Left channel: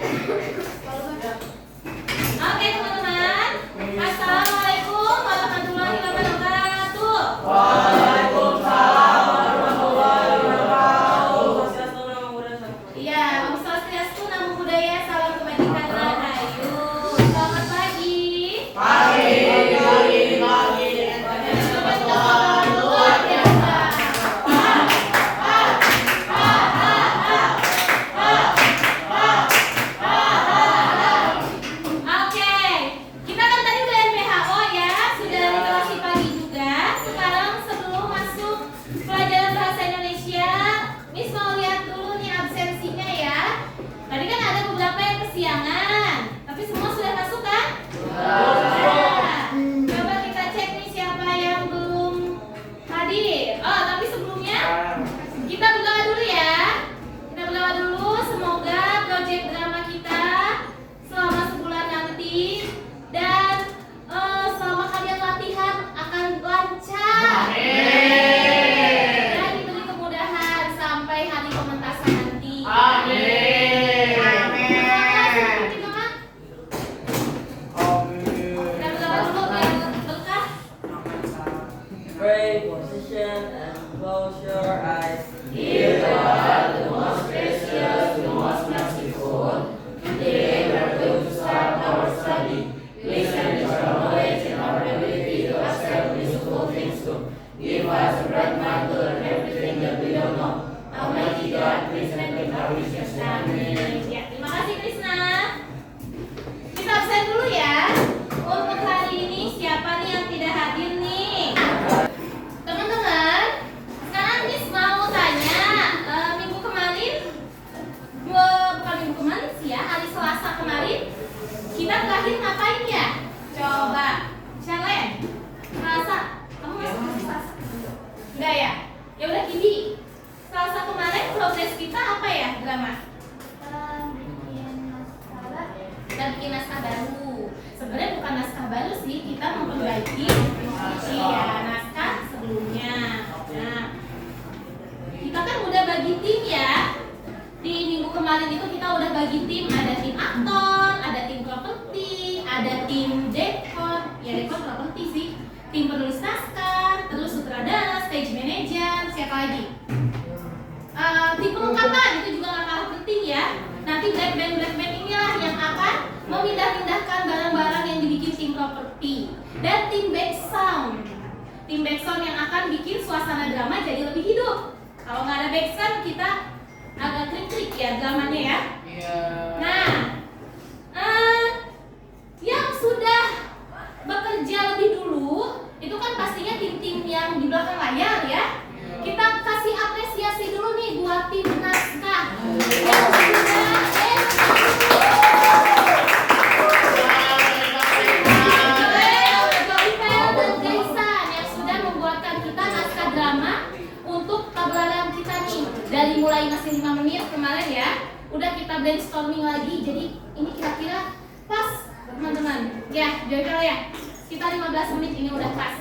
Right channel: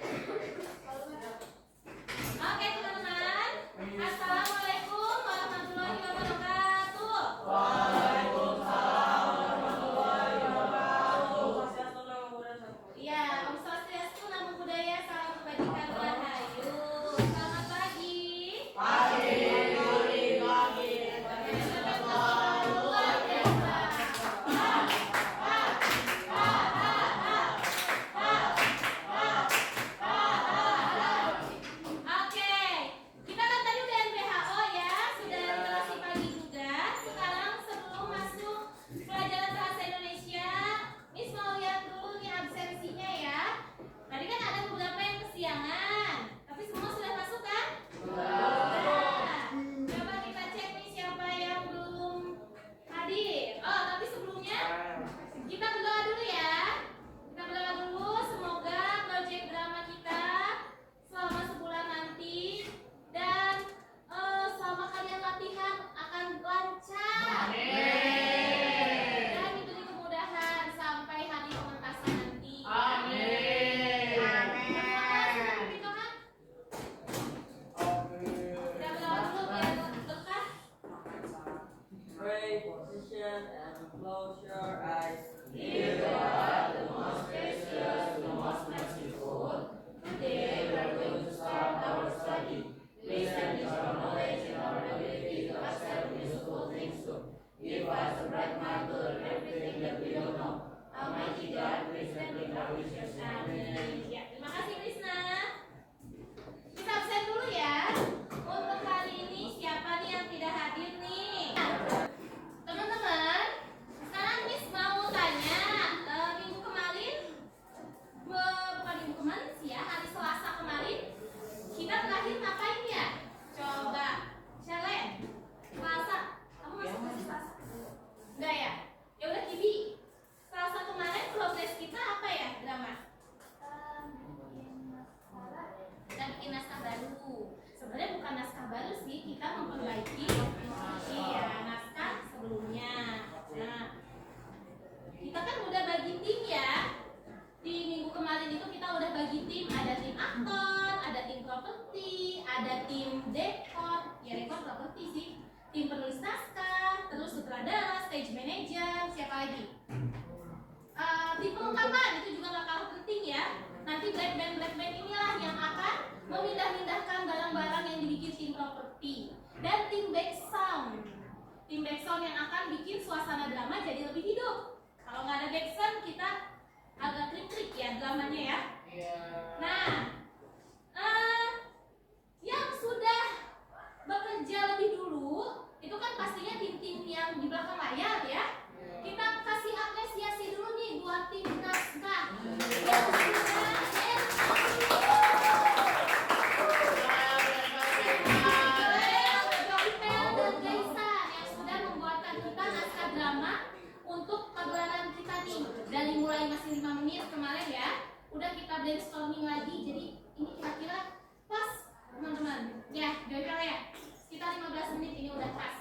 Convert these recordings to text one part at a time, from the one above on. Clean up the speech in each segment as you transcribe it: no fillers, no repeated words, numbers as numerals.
Oke teman-teman, Assalamualaikum warahmatullahi wabarakatuh. Waalaikumsalam warahmatullahi wabarakatuh. Iya, Om Swastiastu, Namo Buddhaya, salam kebajikan rahayu. Selamat pagi. Pagi. Luar biasa. Oke, kita kan tadi udah NPHO ya, sudah literasi pagi juga. Sekarang sebelum masuk pelajaran bahasa Indonesia, Miss mau lihat dulu nih absensinya ya. Tadi kan ada beberapa yang kesiangan, tapi semua sudah masuk kan? Nah, coba kita cek nih siapa yang belum hadir. Oh, tapi sebelumnya kita berdoa dulu ya. Kita berdoa dulu, semoga proyek drama kita selama sebulan nanti dan selama kalian latihan akan lancar dan diberi kemudahan sampai hari pementasan nanti. Terima kasih seperti Mama. Kita berdoa dulu biar berkah. Pray, position, and close your eyes. Dear God, the most gracious, the most merciful, today we are going to start our study. Please enrich our knowledge and our ability to accept useful things too. Give us a bright mind to learn everything that we don't know. Almighty God, please grant our wishes. Amen. Ya, terima kasih Krisna. Kita absen dulu ya. Untuk hari ini siapa nih yang tidak hadir nih? Teman-teman, sekarang Miss mau tanya, minggu kemarin, bukan minggu kemarin sih ya, hari Selasa kemarin, kita terakhir ngapain ya? Coba, challenge. Selasa, kamu masuk ke Selasa? Udah ya? Ya udah gini. Selasa kemarin progres kita apa ya, drama? Dan bikin naskah baru. Sebenarnya bukan naskah baru sih, kita memperbaiki naskah sebelumnya. Nah, kita kan udah bagi tim ya. Di minggu kemarin itu kita udah bagi tim, ada tim aktor, ada tim properti, ada tim dekor, ya dekor properti sih, tim penulis naskah, terus sutradara, stage manager, siapa lagi? Tim pelengkapan itu juga nggak kalah penting ya. Nanti black band inilah yang akan memindah-mindahkan barang-barang yang dibikin tim properti. Dan tim back sound yang akan bikin suasana drama jadi lebih hidup. Kalau nggak ada back sound kita agak krik-krik ya dramanya ya. Nah, yang sudah bekerja lebih dulu itu kan pastinya tim-tim yang di belakang layar ya. Kita kasih apresiasi dulu nih buat tim naskah yang sudah Joyfel dan Gaisan yang sudah membuatkan kita naskah drama untuk pagelaran kita nih. Dari mulai masih 5 menit kemarin ya, udah kita brainstorming lagi. Jadi ini kira-kira pas teman-teman. Ya, Joyfel ya. Sekitar 15 menit ini udah pas.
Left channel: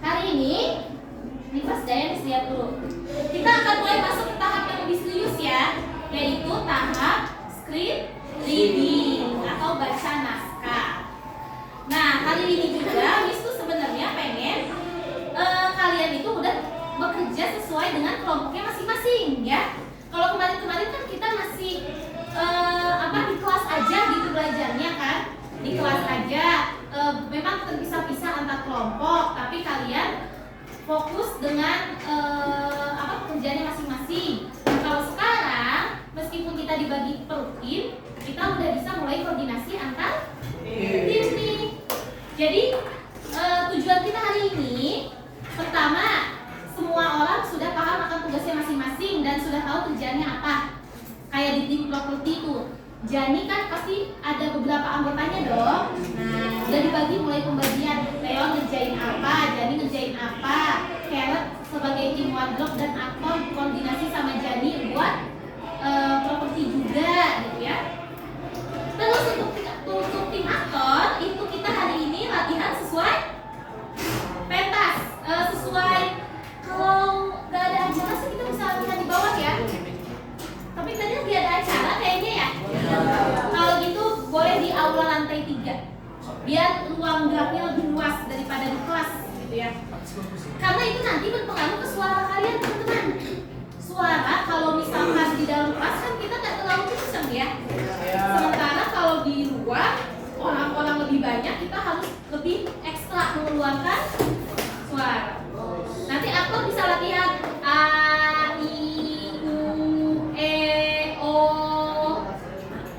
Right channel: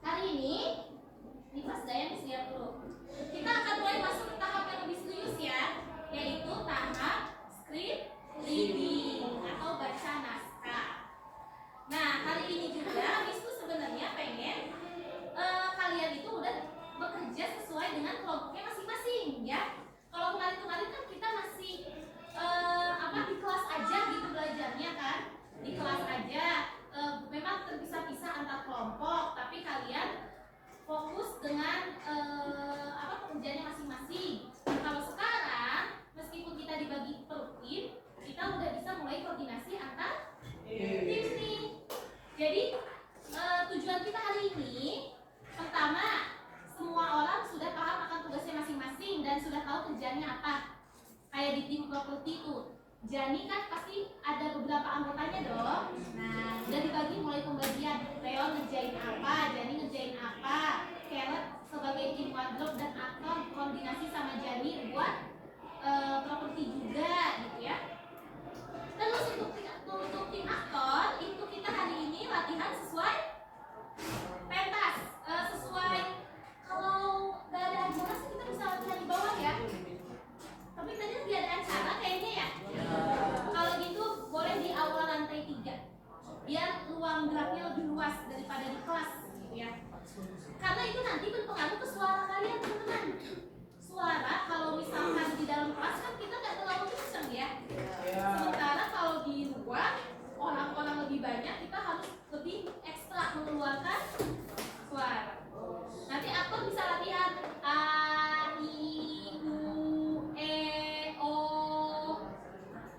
Hari ini pas Dayan lihat dulu. Kita akan mulai masuk ke tahap yang lebih serius ya, yaitu tahap script reading atau baca naskah. Nah, hari ini juga Miss tuh sebenarnya pengen kalian itu udah bekerja sesuai dengan kelompoknya masing-masing ya. Kalau kemarin-kemarin kan kita masih di kelas aja gitu belajarnya kan, di kelas aja memang terpisah-pisah antar kelompok, tapi kalian fokus dengan pekerjaannya masing-masing. Kalau sekarang meskipun kita dibagi per tim, kita udah bisa mulai koordinasi antar tim nih. Jadi tujuan kita hari ini pertama, semua orang sudah paham akan tugasnya masing-masing dan sudah tahu kerjaannya apa. Kayak di tim properti itu, Jani kan pasti ada beberapa anggotanya dong. Nah, udah dibagi mulai pembagian. Leon ngerjain apa, Jani ngerjain apa, Carrot sebagai tim wardrobe dan aktor koordinasi sama Jani buat properti juga gitu ya. Terus untuk tim aktor itu kita hari ini latihan sesuai pentas, sesuai kalau nggak ada acara sih kita bisa latihan di bawah ya. Tapi tadi lagi ada acara kayak biar ruang geraknya lebih luas daripada di kelas gitu ya. Karena itu nanti berpengaruh ke suara kalian teman-teman. Suara kalau misalkan di dalam kelas kan kita nggak terlalu kenceng ya. Sementara kalau di luar orang-orang lebih banyak, kita harus lebih ekstra mengeluarkan suara. Nanti aktor bisa latihan A, I, U, E, O.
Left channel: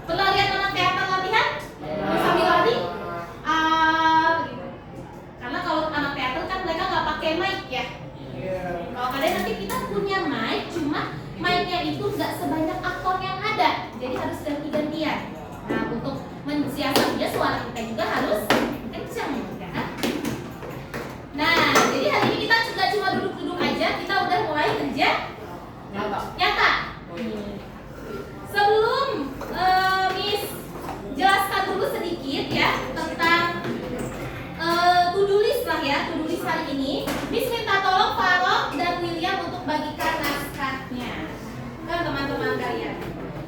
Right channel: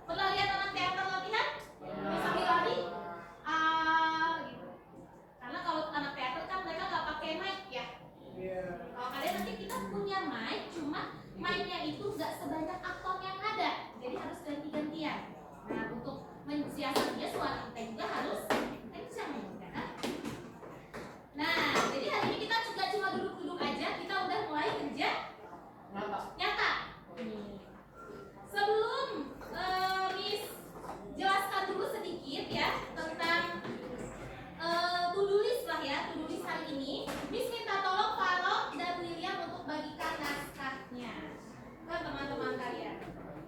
Pernah lihat anak teater latihan? Sambil lari A gitu. Karena kalau anak teater kan mereka nggak pakai mic ya. Kalau kalian nanti kita punya mic, cuma mic-nya itu nggak sebanyak aktor yang ada, jadi harus ganti-gantian. Nah, untuk mensiasatinya suara kita juga harus kencang kan? Nah, jadi hari ini kita juga cuma duduk-duduk aja, kita udah mulai kerja nyata. Sebelum Miss jelaskan dulu sedikit ya tentang to-do list lah ya, to-do list hari ini. Miss minta tolong Farok dan William untuk bagikan naskahnya ke teman-teman kalian.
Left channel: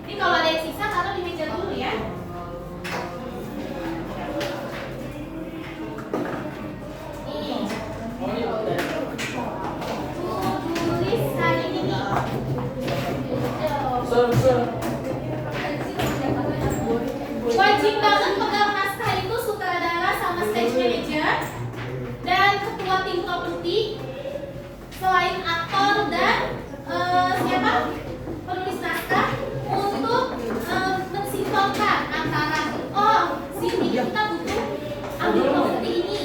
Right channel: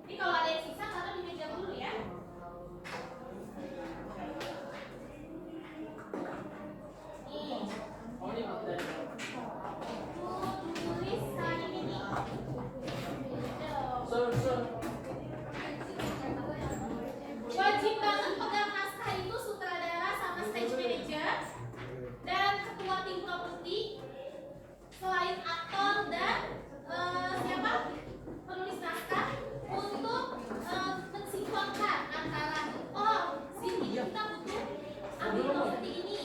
Ini kalau ada yang sisa taruh di meja dulu ya. Ini to-do list hari ini. Wajib banget pegang naskah itu sutradara sama stage manager dan ketua tim properti, selain aktor dan siapa penulis naskah, untuk mensinkronkan antara sini kita butuh ambil properti ini,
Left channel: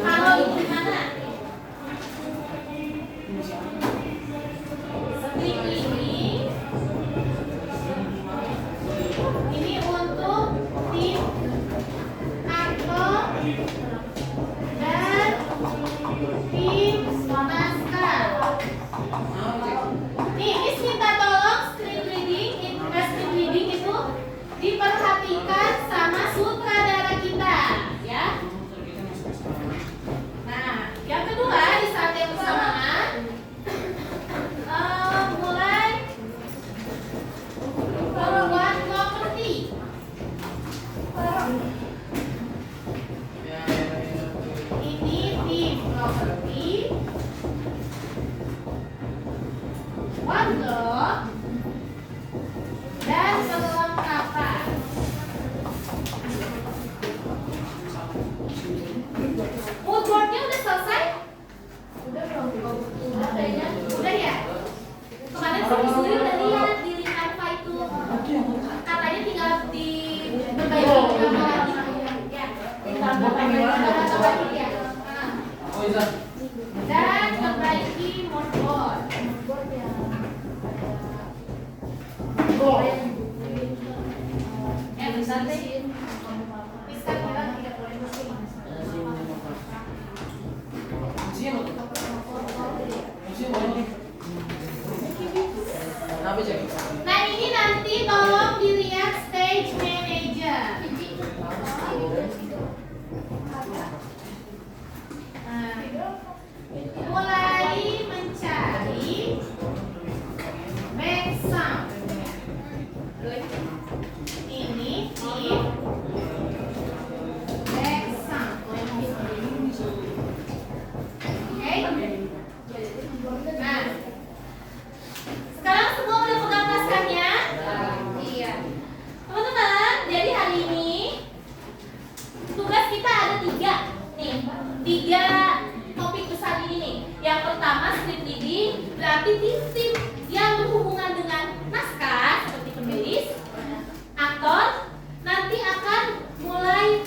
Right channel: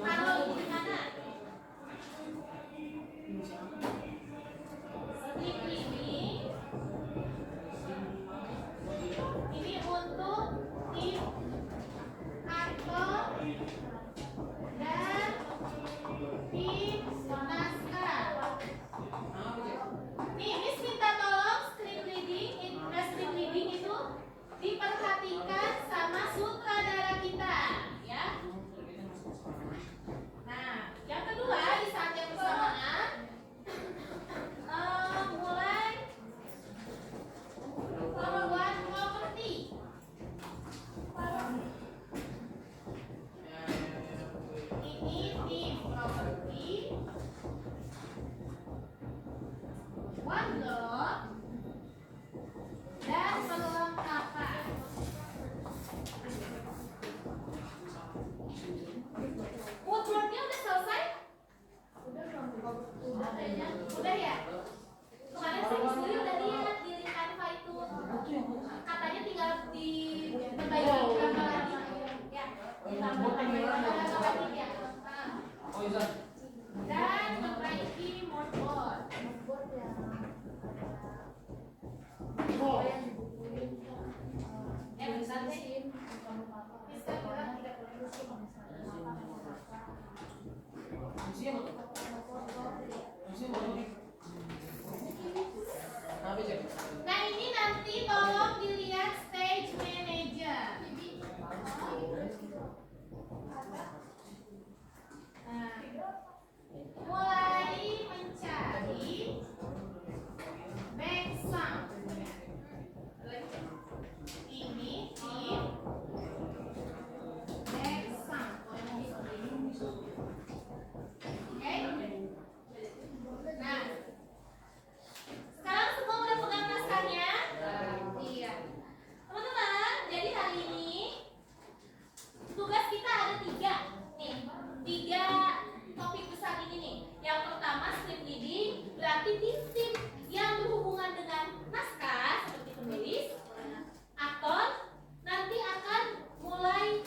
kalau ini gimana seperti ini untuk tim aktor dan tim naskah. Nih, Miss minta tolong script reading itu diperhatikan sama sutradara kita, ya. Nah, yang kedua di saat yang bersamaan mulai membuat properti. Ini tim properti, OneDoc, dan perlengkapan. Moodboardnya udah selesai? Udah belum? Udah kayaknya. Udah ya? Kemarin sih Miss Lili udah lihat di link Canva itu. Katanya tinggal di berbaiki gambar lagi. Ya. Tambah lagi ya. Dan perbaiki moodboard. Bentar deh. Miss kan bilang tidak boleh mesin. Nah, ini nanti tolong dilihat stage manager. Mulai mencari back sound. Ini di back sound. Oke? Nah, sekarang semua udah pegang naskahnya? Iya. Teman-teman, jadi hari ini tugas kita ada 3 nih. 3 topik besar ini nih. Yang pertama script reading, berarti tim-tim yang berhubungan dengan naskah seperti penulis, aktor, nanti akan mulai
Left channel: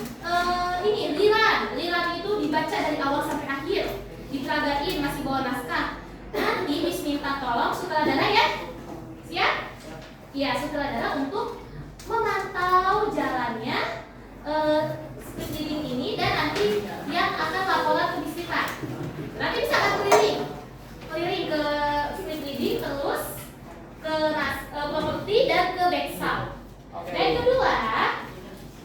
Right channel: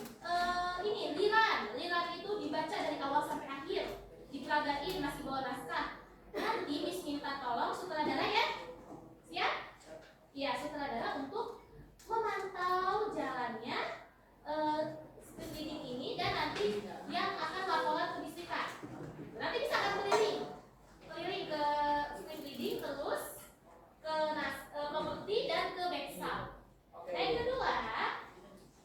ini liran itu dibaca dari awal sampai akhir, diperagain masih bawa naskah. Nanti Miss minta tolong sutradara ya, siap? Iya, sutradara untuk memantau jalannya script reading ini, dan nanti yang akan laporan ke Miss Rita. Nanti bisa akan keliling ke script reading, terus ke properti dan ke back sound. Yang kedua,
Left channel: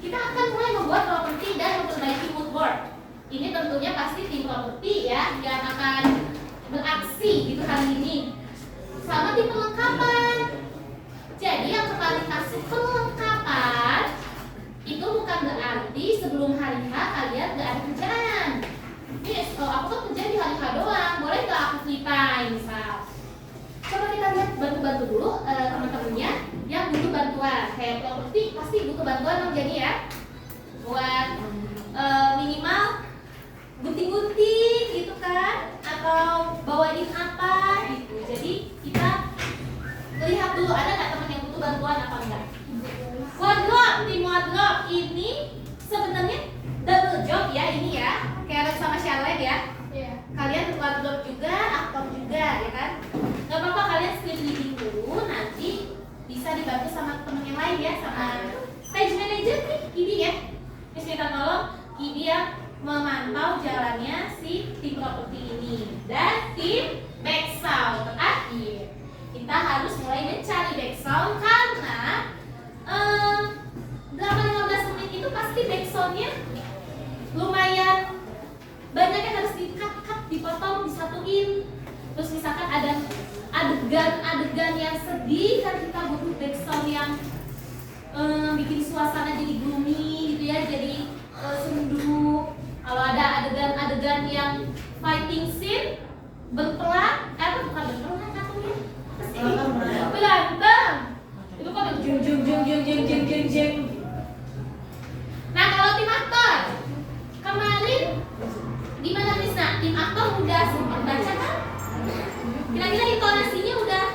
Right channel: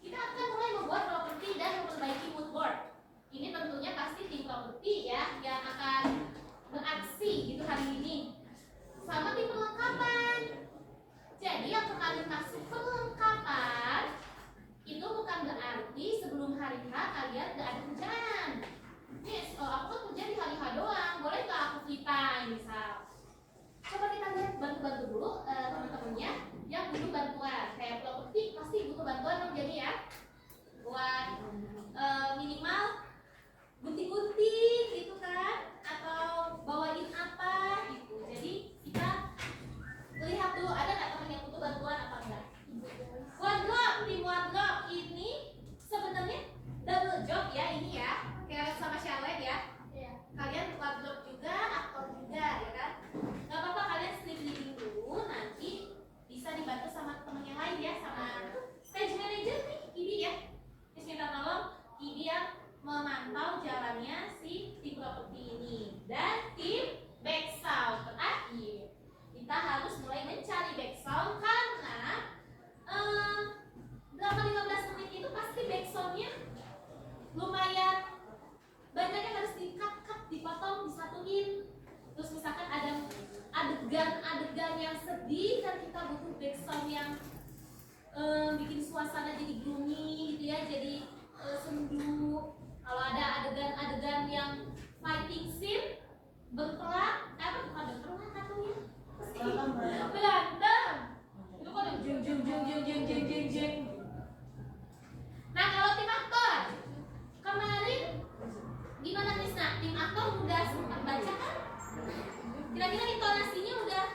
kita akan mulai membuat properti dan memperbaiki mood board. Ini tentunya pasti tim properti ya yang akan beraksi gitu hari ini. Sama tim perlengkapan. Jadi yang kemarin kasih perlengkapan itu bukan berarti sebelum hari H kayak properti pasti butuh bantuan dong jadi ya, buat minimal gunting-gunting gitu kan, atau bawain apa gitu. Jadi kita lihat dulu ada nggak teman yang butuh bantuan apa enggak. Wardrobe, tim wardrobe ini sebenarnya double job ya ini ya, Karen sama Charlotte ya. Kalian wardrobe juga, aktor juga ya kan. Gak apa-apa kalian script reading dulu, nanti bisa dibantu sama temen yang lain ya, sama stage manager nih, Kidi ya. Miss minta tolong Kidi yang memantau jalannya si tim properti ini. Dan tim backsound terakhir, kita harus mulai mencari backsound karena 8-15 menit itu pasti backsoundnya lumayan banyak yang harus di-cut, dipotong, disatuin. Terus misalkan ada adegan-adegan yang sedih kan kita butuh backsound yang bikin suasana jadi gloomy gitu ya, jadi sendu. Kalau ada adegan-adegan yang fighting scene, berperang, bukan berperang katanya, berantem. Itu kan jeng. Nah kalau tim aktor kemarin gimana Krisna? Tim aktor udah sempat baca kan? Kira-kira intonasinya udah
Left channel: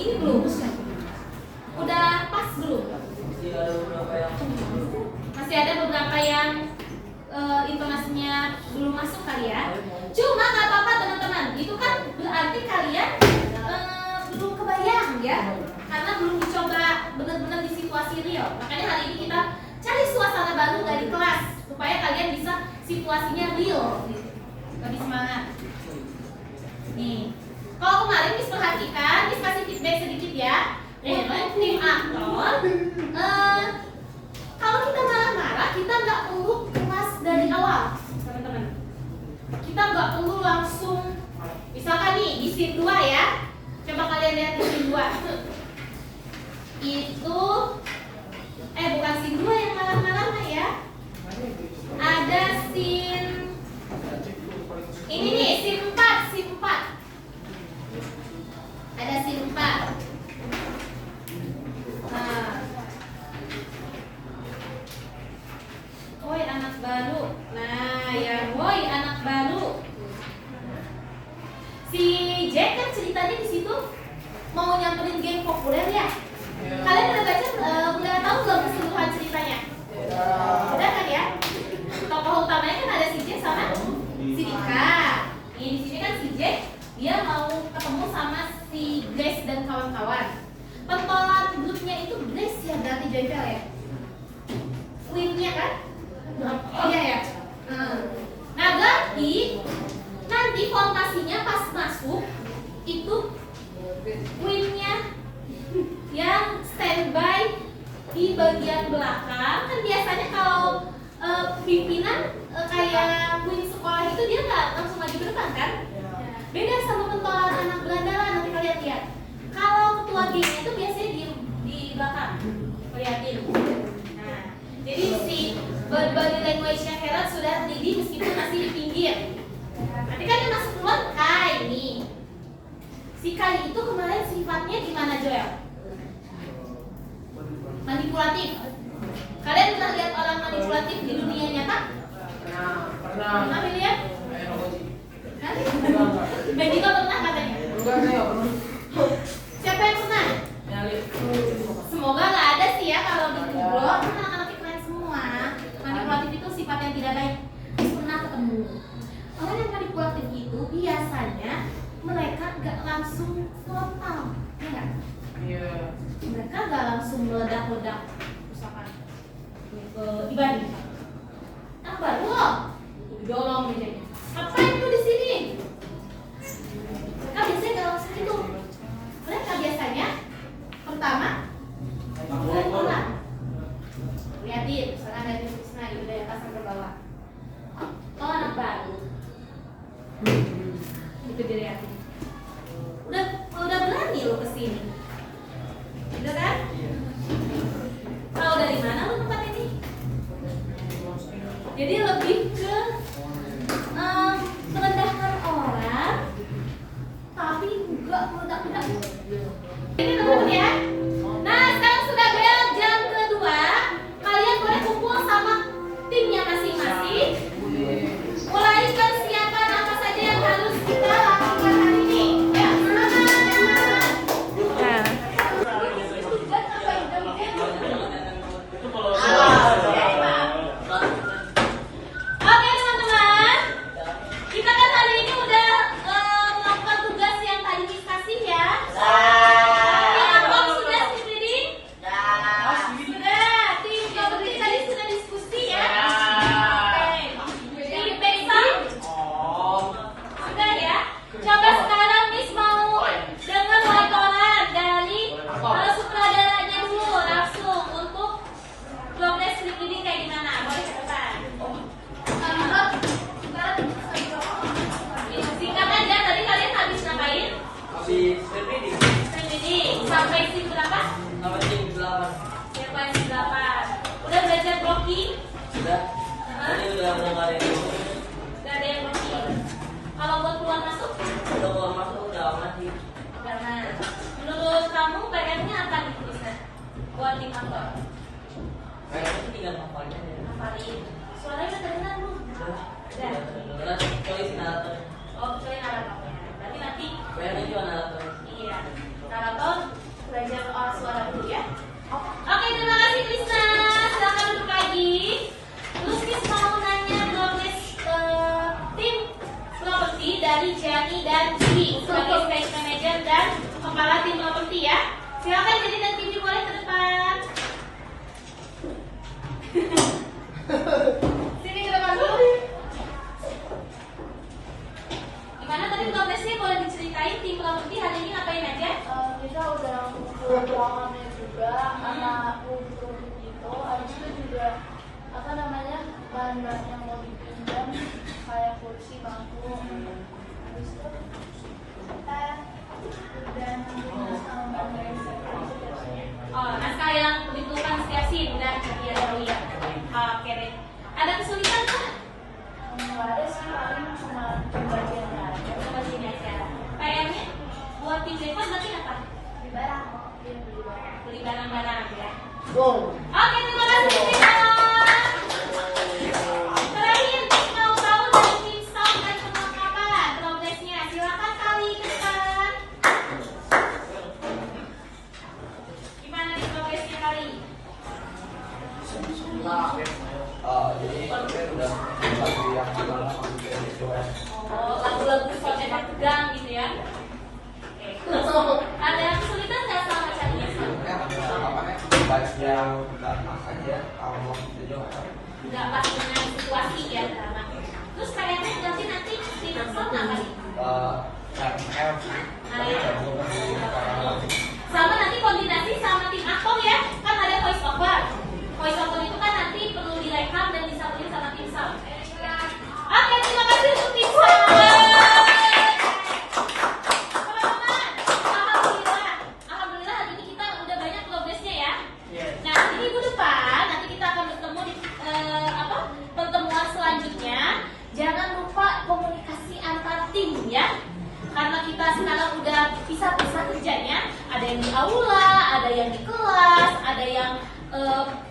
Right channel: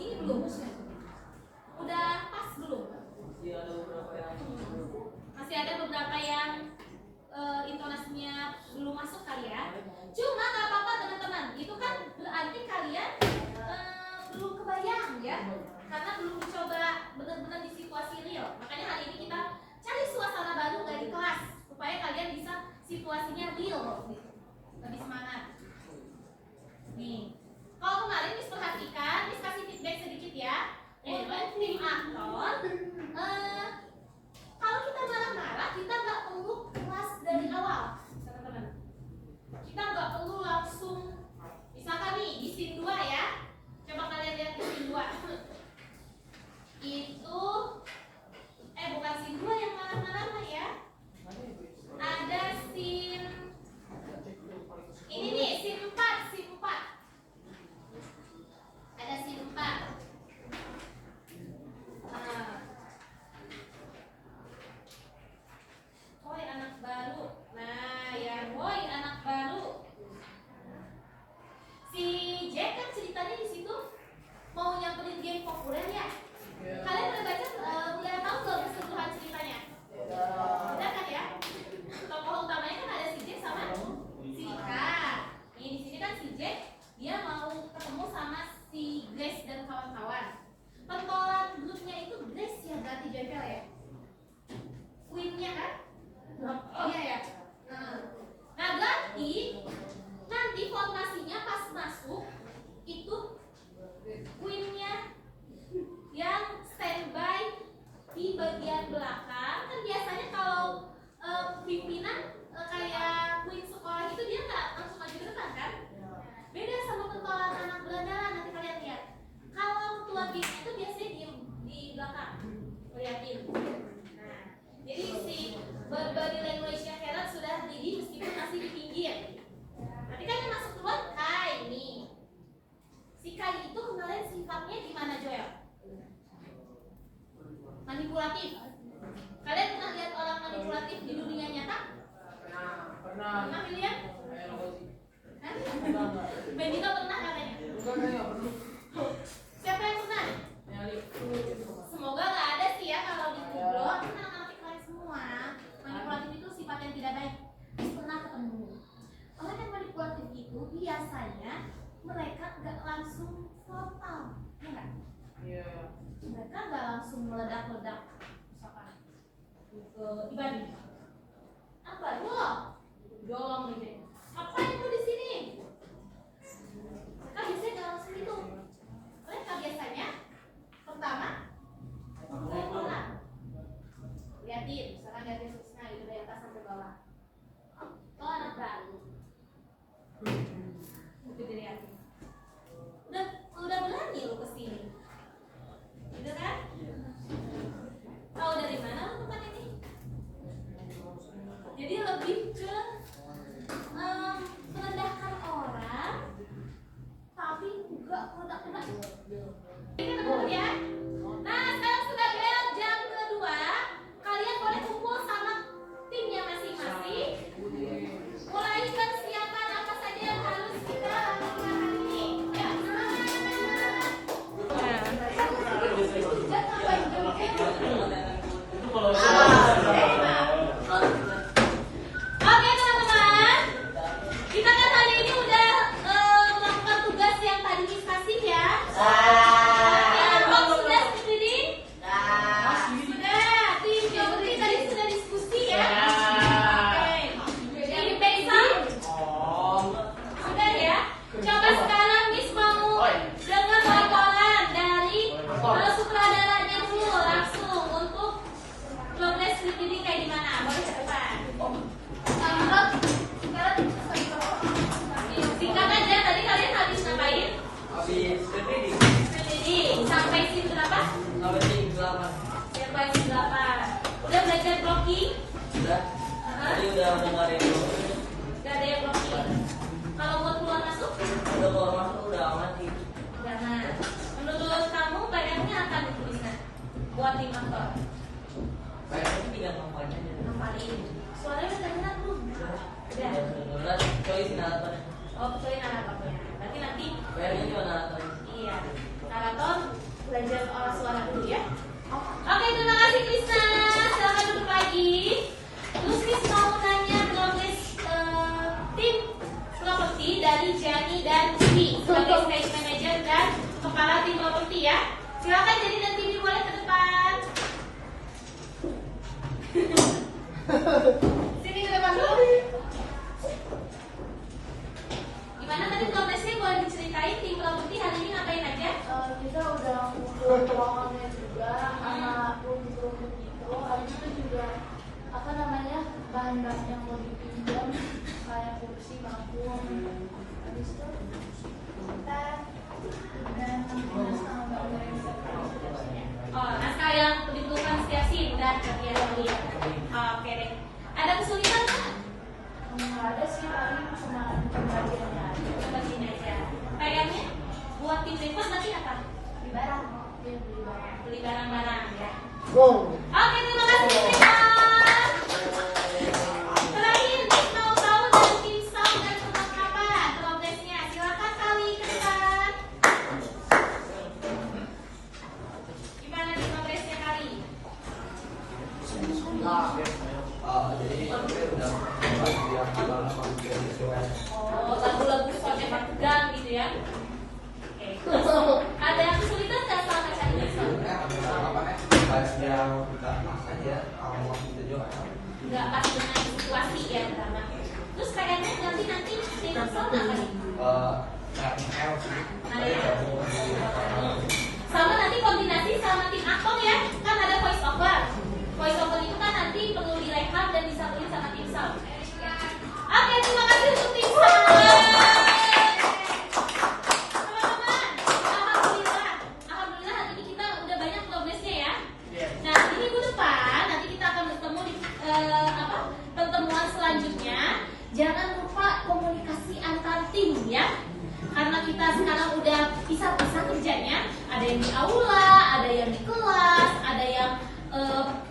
ini belum? Udah pas belum? Masih ada beberapa yang intonasinya belum masuk kali ya. Cuma nggak apa-apa teman-teman. Itu kan berarti kalian belum kebayang ya, karena belum dicoba benar-benar di situasi real. Makanya hari ini kita cari suasana baru dari kelas supaya kalian bisa situasinya real, lebih semangat. Nih, kalau kemarin Miss perhatikan, Miss kasih feedback sedikit ya. Untuk tim aktor, kalau kita marah-marah, kita nggak perlu kelas dari awal, teman-teman. Kita nggak perlu langsung, misalkan nih di scene 2 ya. Coba kalian lihat di scene 2. Itu, bukan scene 2 yang marah-marah ya. Ada scene ini nih, scene 4. Ada scene 4. Nah. Woi anak baru. Nah, yang woi anak baru. Si Jack kan ceritanya di situ mau nyamperin geng populer ya. Kalian udah baca, udah tahu belum keseluruhan ceritanya? Udah kan ya? Tokoh utamanya kan ada si Jack sama si Dika. Di sini kan si Jack dia mau ketemu sama si Grace dan kawan-kawan. Pentolan grupnya itu Grace ya, berarti Joyfel ya. Queen-nya kan? Iya ya. Nah berarti nanti fondasinya pas masuk itu Queen-nya yang standby di bagian belakang. Kan biasanya kalau pimpinan kayak Queen sekolah itu dia nggak langsung maju ke depan kan? Beda sama pentolan anak berandalan, nanti kalian lihat. Kalau ketua gengnya itu biasanya di belakang, lihatin. Nah, jadi si body language-nya Herald sudah ready meskipun masih di pinggir. Nanti kan yang masuk duluan Kai nih. Si Kai itu kemarin sifatnya gimana Joel? Manipulatif. Kalian pernah lihat orang manipulatif di dunia nyata? Pernah. Pernah lihat? Benito pernah katanya? Enggak, saya pernah. Siapa yang pernah? Semoga nggak ada sih ya kalau di Google. Kan anak-anak keren semua. Manipulatif itu sifat yang tidak baik. Pernah ketemu. Orang yang manipulatif itu biasanya mereka nggak langsung frontal, ya nggak? Iya. Mereka nggak langsung meledak-ledak, misalkan dibanding. Ah baru loh, dorong mejanya. Ngapain tuh di sini? Mereka biasanya nggak langsung itu. Mereka biasanya pertama orang lihatin, misalkan ada Krisna itu dari atas sampai bawah. Oh anak baru, itu dilihatin. Udah berani lo kesini, udah kan? Tahu dari mana lo tempat ini? Jadi lebih ke merendahkan orang, tapi enggak meledak-ledak. Ini teman-teman ya. Nah sekarang sudah booking? Udah. Tadi udah nggak ada yang booking. Gak ada yang booking. Kalau buat keluar masuk? Udah keluar masuk udah mati. Gak. Nah, menurut kamu PR-nya apa nih tulisan? Buat tim aktor? Kayaknya tiga kampanye. Hafalin. Suaranya udah dengar belum? Udah. Udah. Tulis narator. Oh, saya naratornya. Berarti nanti PR-nya juga narator. iya. Narator belajar suara dulu ya. Oke, terima kasih Krisna. Silakan duduk lagi. Terus Kris mau nanya progres tim properti dari Jani dan Cibi sebagai stage manager dan kepala tim properti ya. Silakan Jani dan Cibi boleh ke depan. Sini ke depan dulu. Gimana tadi progresnya, boleh diceritain tim properti hari ini ngapain aja? Kita udah buat ruangannya juga, anak rumput itu, habis itu juga apa namanya bahan-bahan yang mau dipinjam kayak kursi, bangku, habis itu kita udah Oh, naskah yang diperlukan setiap scene udah iya. Oke deh. Ada kesulitan nggak? nggak ada sih, paling cuma pembagiannya aja. Bagian aja. PR-nya buat tim report berarti apa? Beli barang, dia beli barang. Beli barang-barang ya. Go. Oke, terima kasih. Terakhir kita mau tahu dari tim sound dan perlengkapan progresnya. Silakan kali ke depan. Gimana nih progresnya kali? Jadi udah Oh, lagu-lagu sound yang tegang gitu ya. Oke. Ada yang kesulitan nggak selama saat ini? Nggak pas dengan situasi ya. Terus kayaknya nanti tim sound apa nih? Sama nanti kombinasi sama tim aktor ya, kan ada voice over. Voice over itu kan nanti perlu direkam dan disambungin sama tim sound. Oke, terima kasih untuk tim sound. Teman-teman, alhamdulillah hari ini kita udah banyak progresnya ya. Nah, di minggu depan nanti kita akan bertemu di pertemuan selanjutnya. Jangan lupa komunikasi antar tim ya. Karena kita sekarang udah pisah-pisah kerjanya, ada yang di aula, ada yang di kelas, ada yang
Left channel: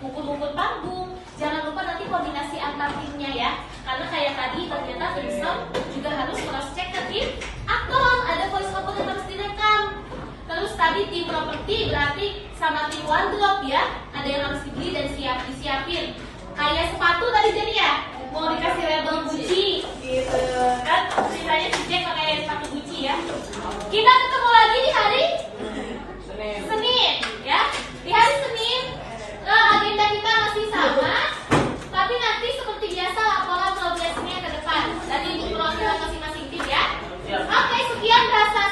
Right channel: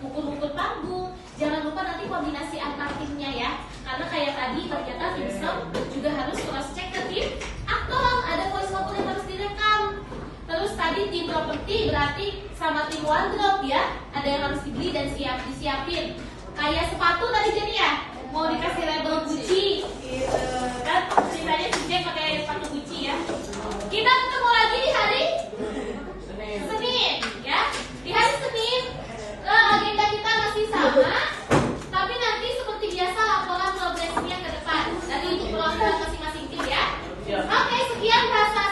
mukul-mukul panggung. Jangan lupa nanti koordinasi antar timnya ya. Karena kayak tadi ternyata tim sound juga harus cross check ke tim aktor, ada voice over yang harus direkam. Terus tadi tim properti berarti sama tim wardrobe ya, ada yang harus dibeli dan disiapin. Kayak sepatu tadi jadi ya, mau dikasih label Gucci gitu kan, ceritanya si Jack pakai sepatu Gucci ya. Kita ketemu lagi di hari Senin ya. Di hari Senin agenda kita masih sama, tapi nanti seperti biasa laporan progresnya ke depan dari untuk program masing-masing tim ya. Oke, sekian rasa